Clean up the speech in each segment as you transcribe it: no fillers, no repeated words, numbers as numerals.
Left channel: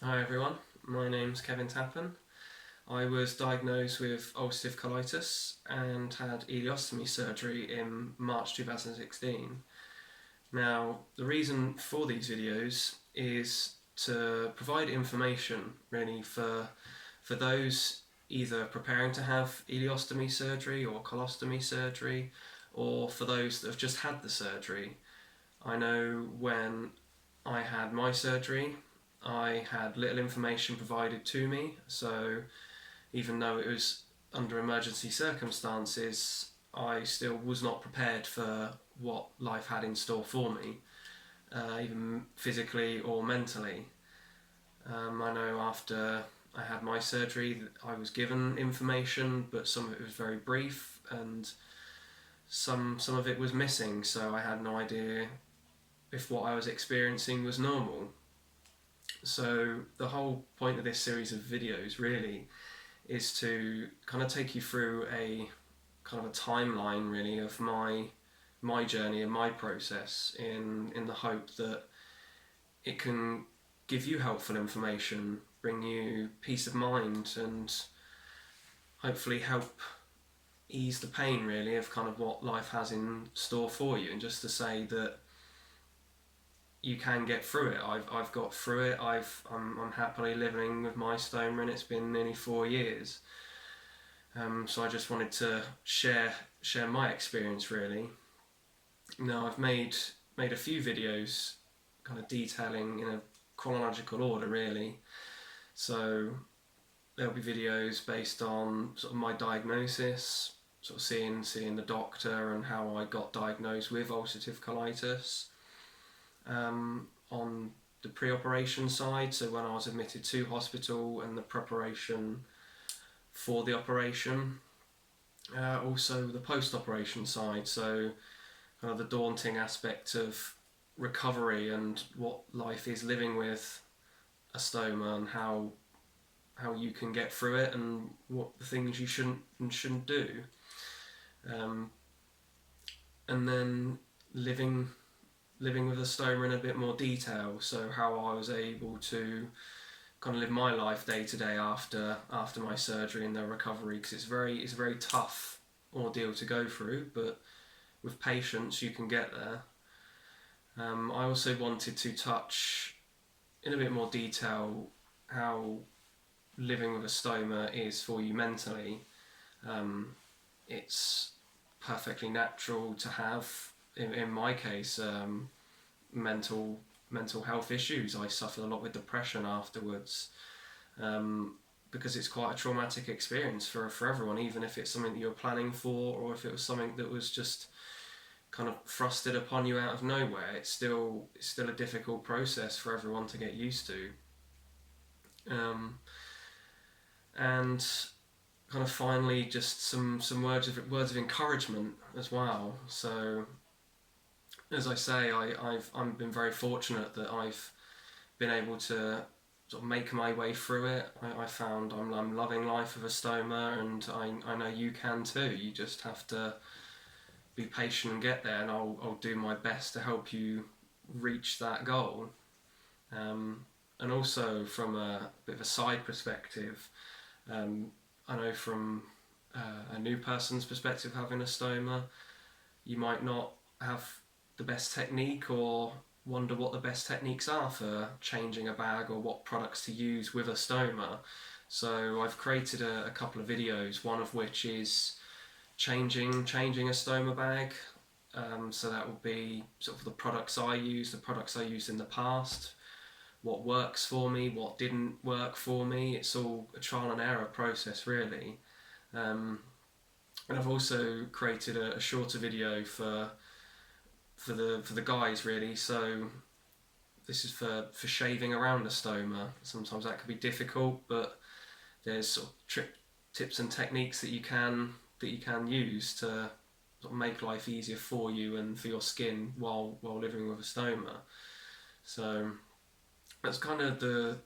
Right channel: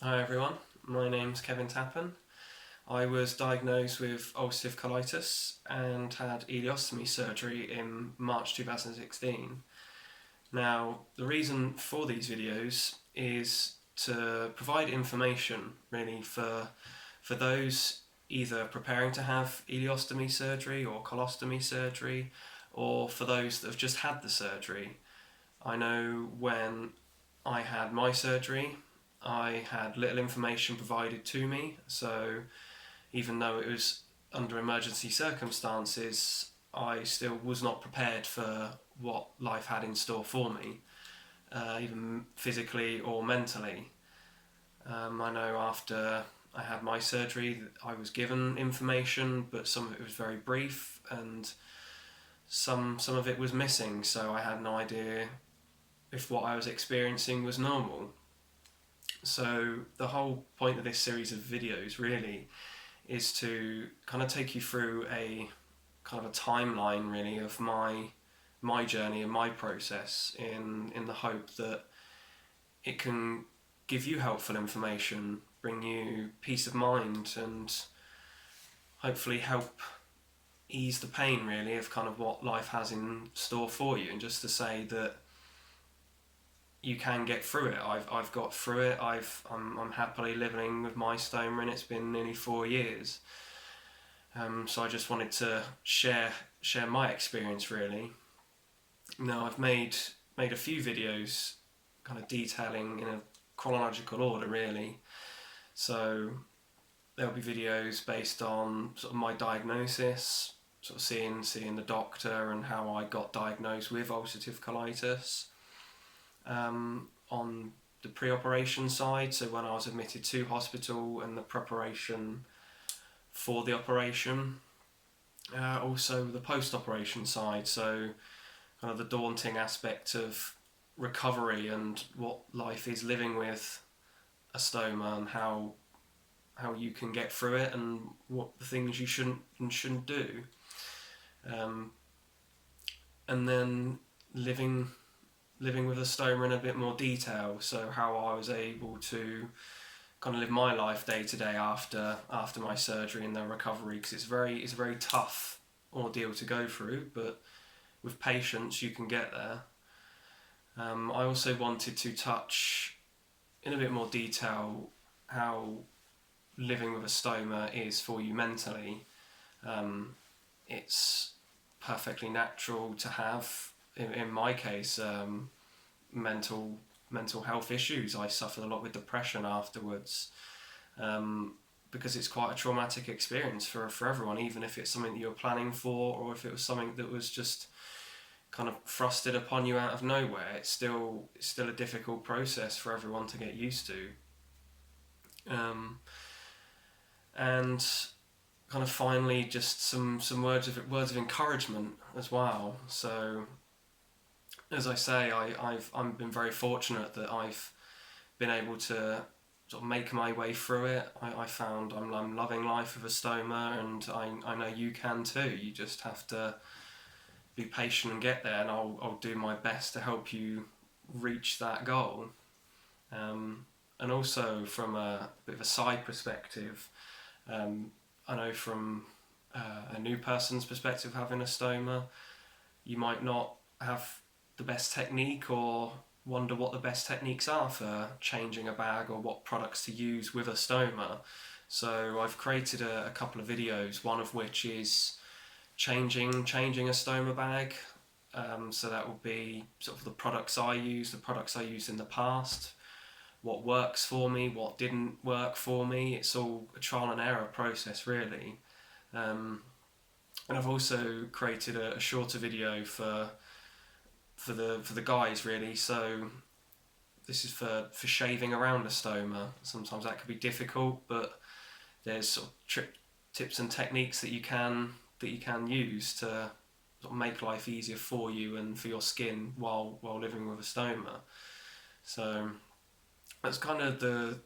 Hi everyone, my name's Kevin Tappern. I was diagnosed with ulcerative colitis and had ileostomy surgery in March 2016. Now, the reason for these videos is to provide information really for those either preparing to have ileostomy surgery or colostomy surgery, or for those that have just had the surgery. I know when I had my surgery, I had little information provided to me, so even though it was under emergency circumstances, I still was not prepared for what life had in store for me, even physically or mentally. I know after I had my surgery, I was given information, but some of it was very brief, and some of it was missing. So I had no idea if what I was experiencing was normal. So the whole point of this series of videos really is to kind of take you through a kind of a timeline really of my journey and my process in the hope that it can give you helpful information, bring you peace of mind, and hopefully help ease the pain really of kind of what life has in store for you. And just to say that you can get through it. I've got through it. I'm happily living with my stoma, and it's been nearly 4 years. So I just wanted to share my experience really. Now I've made a few videos, kind of detailing in a chronological order really. So there'll be videos based on sort of my diagnosis, sort of seeing the doctor and how I got diagnosed with ulcerative colitis. On the pre-operation side, so when I was admitted to hospital and the preparation for the operation. Also the post-operation side, so kind of the daunting aspect of recovery and what life is living with a stoma, and how you can get through it, and what the things you shouldn't and shouldn't do. And then living with a stoma in a bit more detail, so how I was able to kind of live my life day to day after my surgery and the recovery, because it's a very tough ordeal to go through, but with patience you can get there. I also wanted to touch in a bit more detail how living with a stoma is for you mentally. It's perfectly natural to have, in my case, mental health issues. I suffered a lot with depression afterwards, because it's quite a traumatic experience for everyone, even if it's something that you're planning for, or if it was something that was just kind of thrusted upon you out of nowhere. It's still a difficult process for everyone to get used to. And kind of finally, just some words of encouragement as well. So as I say, I've been very fortunate that I've been able to sort of make my way through it. I found I'm loving life with a stoma, and I know you can too. You just have to be patient and get there, and I'll do my best to help you reach that goal. And also from a bit of a side perspective, I know from a new person's perspective having a stoma, you might not have the best technique, or wonder what the best techniques are for changing a bag, or what products to use with a stoma. So I've created a couple of videos, one of which is changing a stoma bag. So that will be sort of the products I used in the past, what works for me, what didn't work for me. It's all a trial and error process really. And I've also created a shorter video for the guys really. So this is for shaving around a stoma. Sometimes that can be difficult, but there's sort of tips and techniques that you can use to sort of make life easier for you and for your skin while living with a stoma. So that's kind of the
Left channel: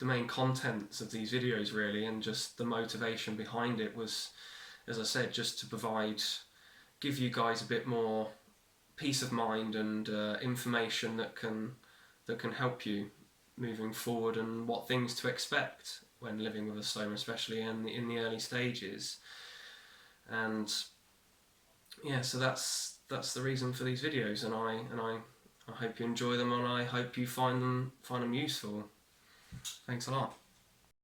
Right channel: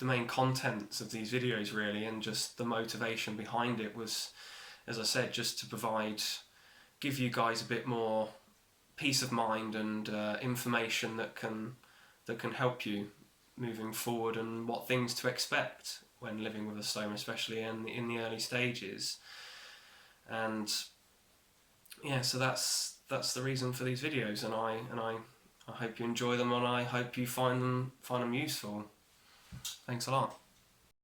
main contents of these videos really, and just the motivation behind it was, as I said, just to give you guys a bit more peace of mind and information that can help you moving forward and what things to expect when living with a stoma, especially in the early stages. And yeah, so that's the reason for these videos, and I hope you enjoy them, and I hope you find them useful. Thanks a lot.